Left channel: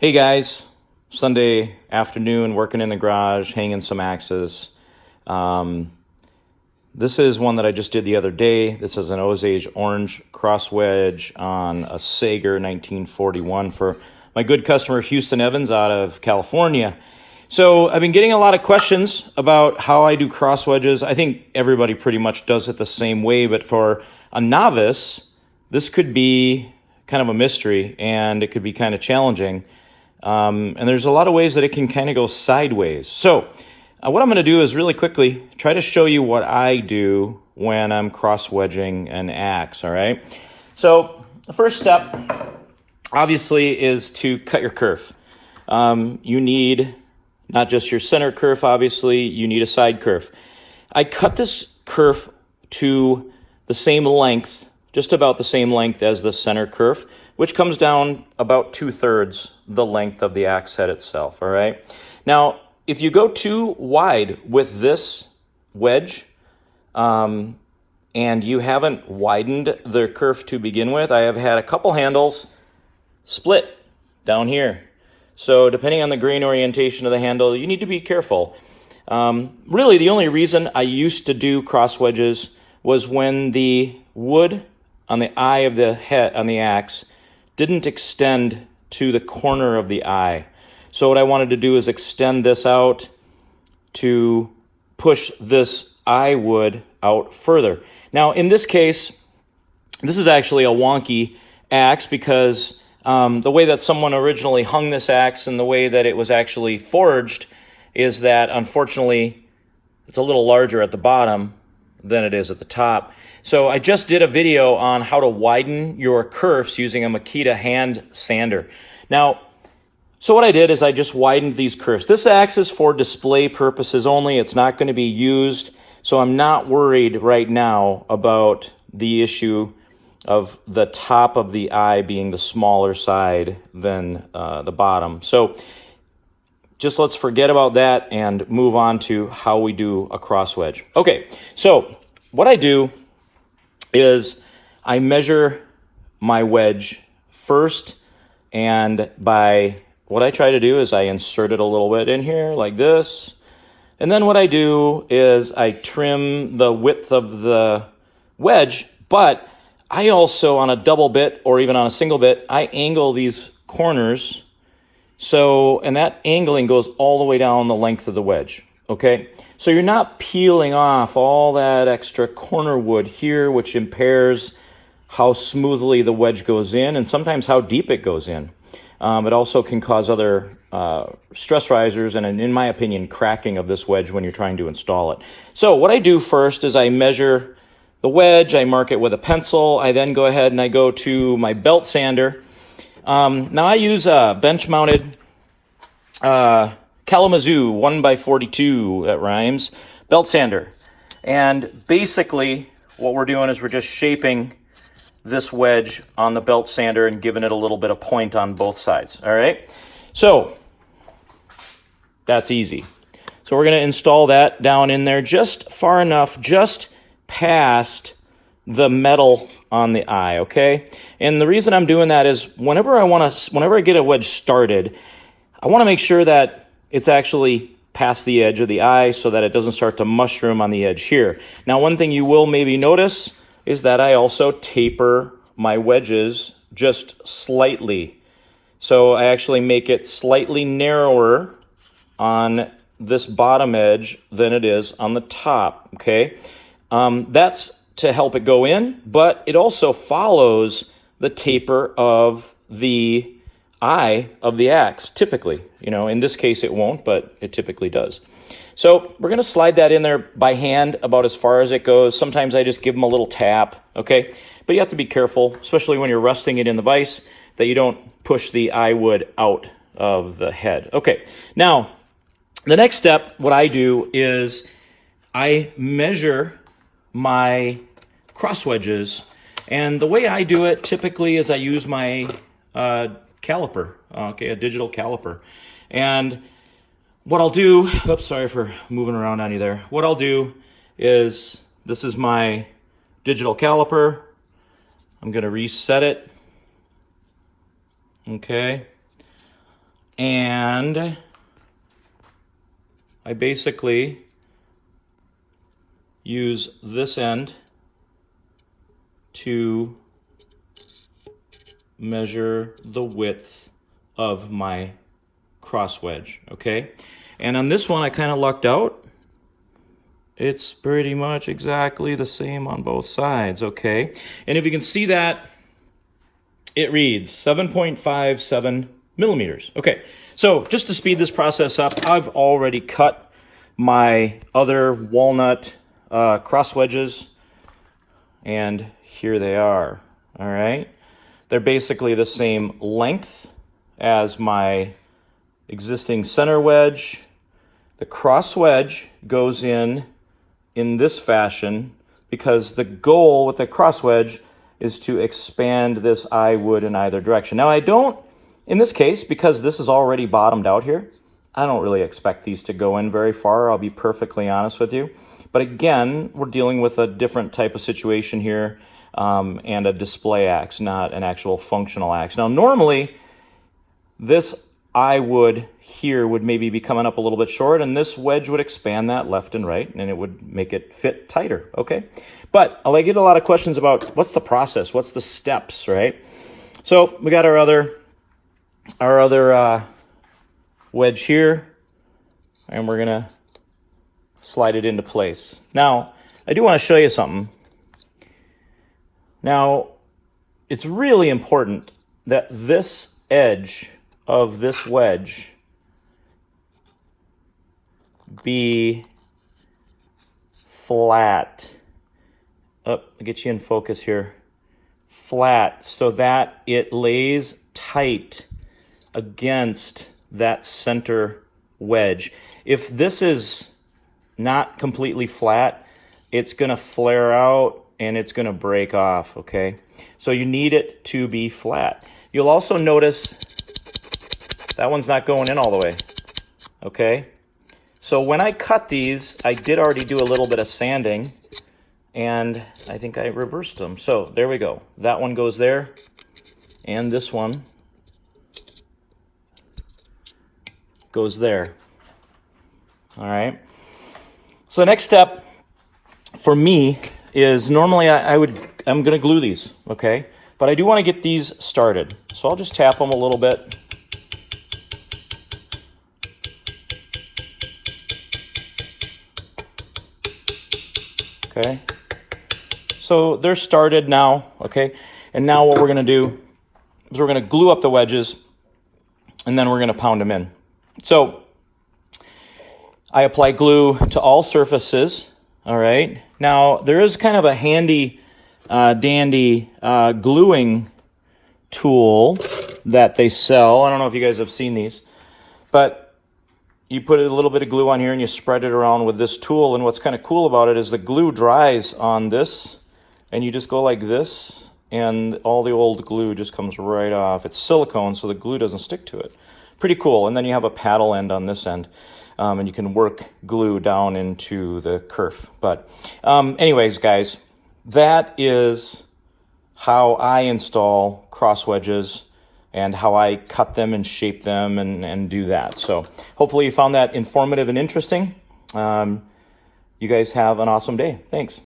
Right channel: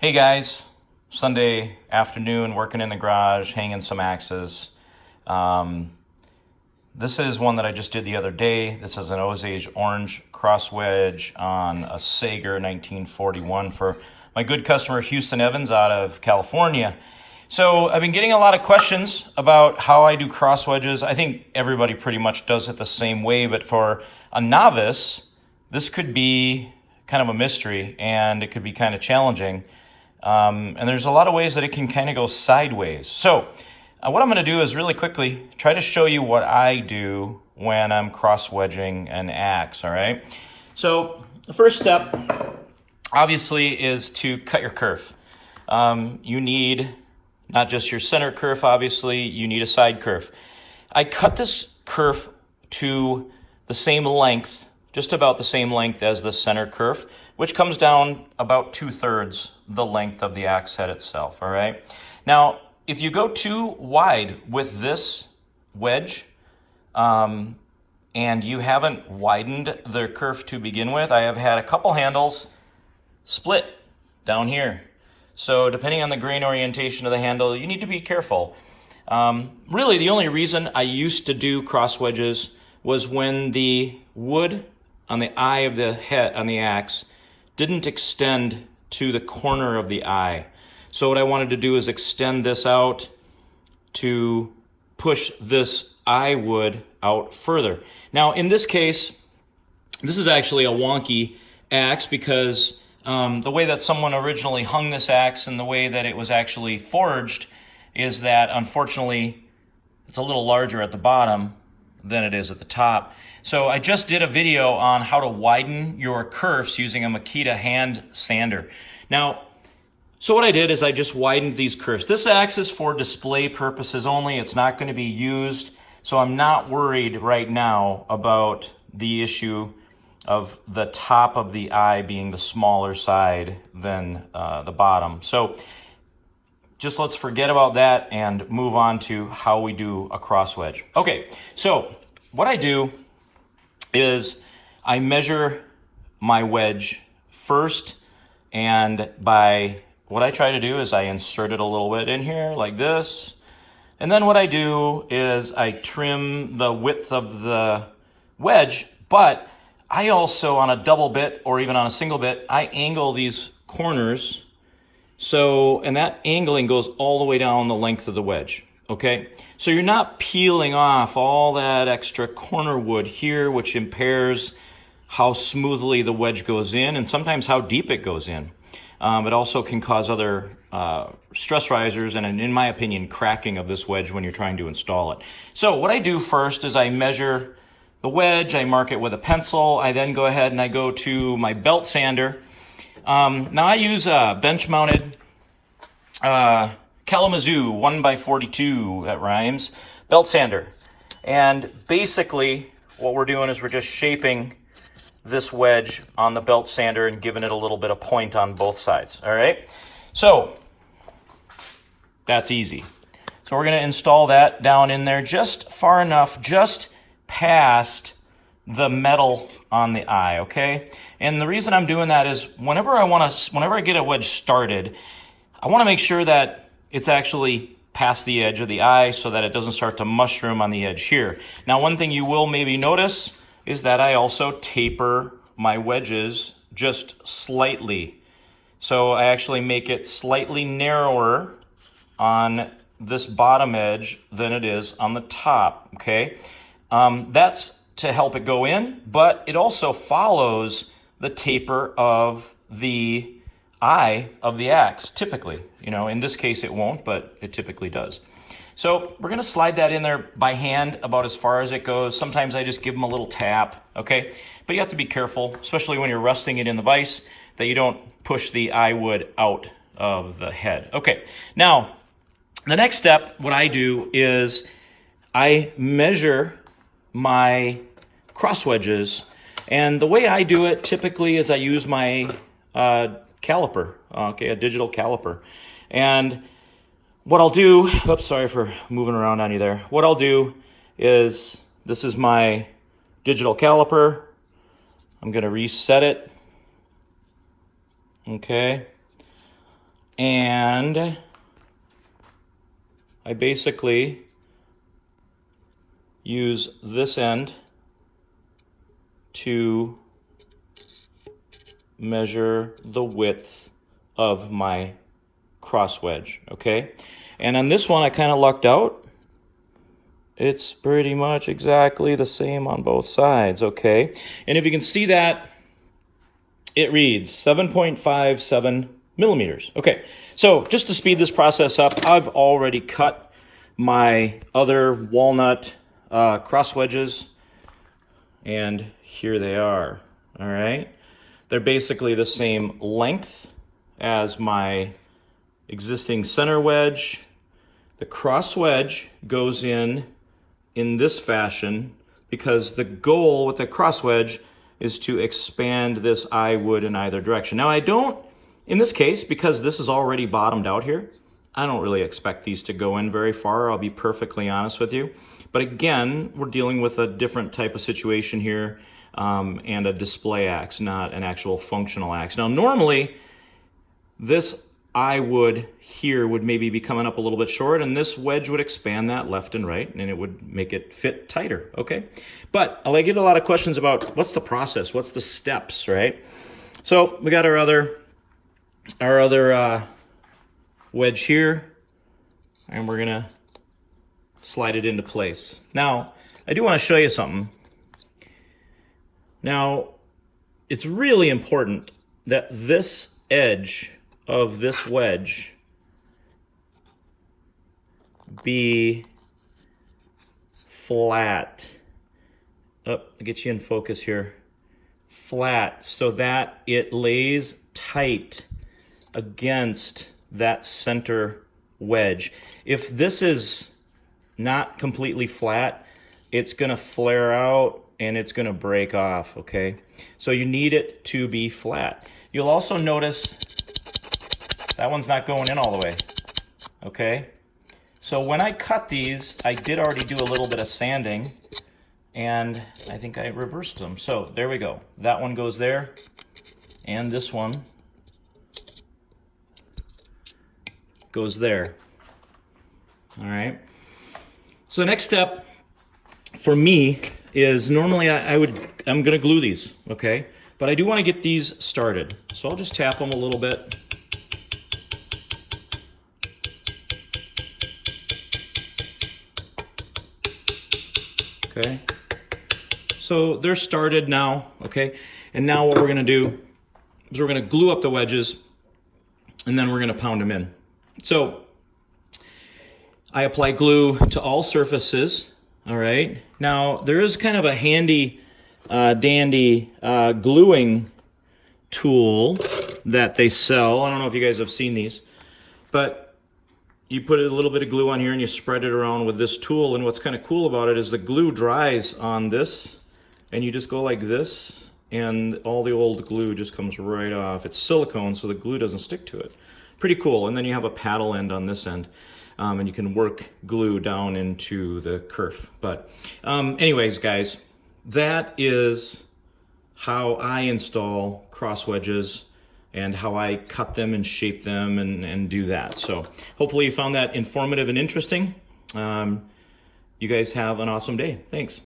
Hey guys, Sunday afternoon, working in the garage, hanging some axes. This is one that I just did the other day. This is an Osage orange cross wedge on a Sager 1941 for my good customer Houston Evans out of California. So I've been getting a lot of questions about how I do cross wedges. I think everybody pretty much does it the same way, but for a novice, this could be kind of a mystery and it could be kind of challenging. And there's a lot of ways that it can kind of go sideways. So what I'm going to do is really quickly try to show you what I do when I'm cross wedging an axe, all right? So the first step, obviously, is to cut your kerf. You need not just your center kerf, obviously, you need a side kerf. I cut this kerf to the same length, just about the same length as the center kerf, which comes down about 2/3 the length of the axe head itself, all right? Now, if you go too wide with this wedge, and you haven't widened the kerf to begin with, I have had a couple handles split down here. So depending on the grain orientation of the handle, you need to be careful. Really, the only reason I used to do cross wedges was when the wood on the eye of the head on the axe didn't extend to the corner of the eye. So what I wanted to do is extend this out to push this eye wood out further. Now in this case, this is actually a wonky axe because the way that someone originally hung this axe and the way that it was actually forged is that unfortunately it's a little larger at the bottom than it is at the top. So I just did a video on how to widen your kerfs using a Makita hand sander. Now, so what I did is I just widened these kerfs. This axe is for display purposes only. It's not going to be used. So I'm not worried right now about the issue of the top of the eye being the smaller side than the bottom. So just let's forget about that and move on to how we do a cross wedge. Okay, so what I do is I measure my wedge first, and what I try to do is I insert it a little bit in here like this, and then what I do is I trim the width of the wedge, but I also, on a double bit or even on a single bit, I angle these corners, and that angling goes all the way down the length of the wedge, okay? So you're not peeling off all that extra corner wood here, which impairs how smoothly the wedge goes in and sometimes how deep it goes in. It also can cause other stress risers and, in my opinion, cracking of this wedge when you're trying to install it. So what I do first is I measure the wedge, I mark it with a pencil, I then go ahead and I go to my belt sander. Now I use a bench-mounted Kalamazoo 1x42, that rhymes, belt sander. And basically what we're doing is we're just shaping this wedge on the belt sander and giving it a little bit of point on both sides, all right? So that's easy. So we're gonna install that down in there just far enough, just past the metal on the eye, okay? And the reason I'm doing that is whenever I get a wedge started, I wanna make sure that it's actually past the edge of the eye so that it doesn't start to mushroom on the edge here. Now, one thing you will maybe notice is that I also taper my wedges just slightly. So I actually make it slightly narrower on this bottom edge than it is on the top, okay? That's to help it go in, but it also follows the taper of the eye of the axe, typically. You know, in this case it won't, but it typically does. So we're gonna slide that in there by hand about as far as it goes. Sometimes I just give them a little tap, okay? But you have to be careful, especially when you're rusting it in the vise, that you don't push the eye wood out of the head. Okay, now, the next step, what I do is I measure my cross wedges, and the way I do it typically is I use my caliper, okay, a digital caliper. And what I'll do, oops, sorry for moving around on you there. What I'll do is, this is my digital caliper. I'm gonna reset it, okay? And I basically use this end to measure the width of my cross wedge, okay? And on this one, I kind of lucked out. It's pretty much exactly the same on both sides, okay? And if you can see that, it reads 7.57 millimeters. Okay, so just to speed this process up, I've already cut my other walnut cross wedges, and here they are, all right? They're basically the same length as my existing center wedge. The cross wedge goes in this fashion because the goal with the cross wedge is to expand this eye wood in either direction. Now I don't, in this case, because this is already bottomed out here, I don't really expect these to go in very far, I'll be perfectly honest with you. But again, we're dealing with a different type of situation here, and a display axe, not an actual functional axe. Now normally, this eye wood here would maybe be coming up a little bit short, and this wedge would expand that left and right, and it would make it fit tighter, okay? But I get a lot of questions about what's the process, what's the steps, right? So we got our other wedge here, and we're gonna slide it into place. Now, I do want to show you something. Now, it's really important that this edge of this wedge be flat. Oh, I'll get you in focus here. Flat, so that it lays tight against that center wedge. If this is not completely flat, it's gonna flare out and it's gonna break off, okay? So you need it to be flat. You'll also notice that one's not going in all the way, okay? So when I cut these, I did already do a little bit of sanding, and I think I reversed them. So there we go. That one goes there, and this one goes there. All right. So next step for me is normally I'm gonna glue these, okay? But I do want to get these started. So I'll just tap them a little bit. Okay, so they're started now, okay? And now what we're gonna do is we're gonna glue up the wedges, and then we're gonna pound them in. So I apply glue to all surfaces, all right? Now there is kind of a handy dandy gluing tool that they sell. I don't know if you guys have seen these, but you put a little bit of glue on here and you spread it around with this tool, and what's kind of cool about it is the glue dries on this, and you just go like this, and all the old glue just comes right off. It's silicone, so the glue doesn't stick to it. Pretty cool. And then you have a paddle end on this end, and you can work glue down into the kerf. But anyways, guys, that is how I install cross wedges and how I cut them and shape them and do that. So hopefully you found that informative and interesting. You guys have an awesome day. Thanks.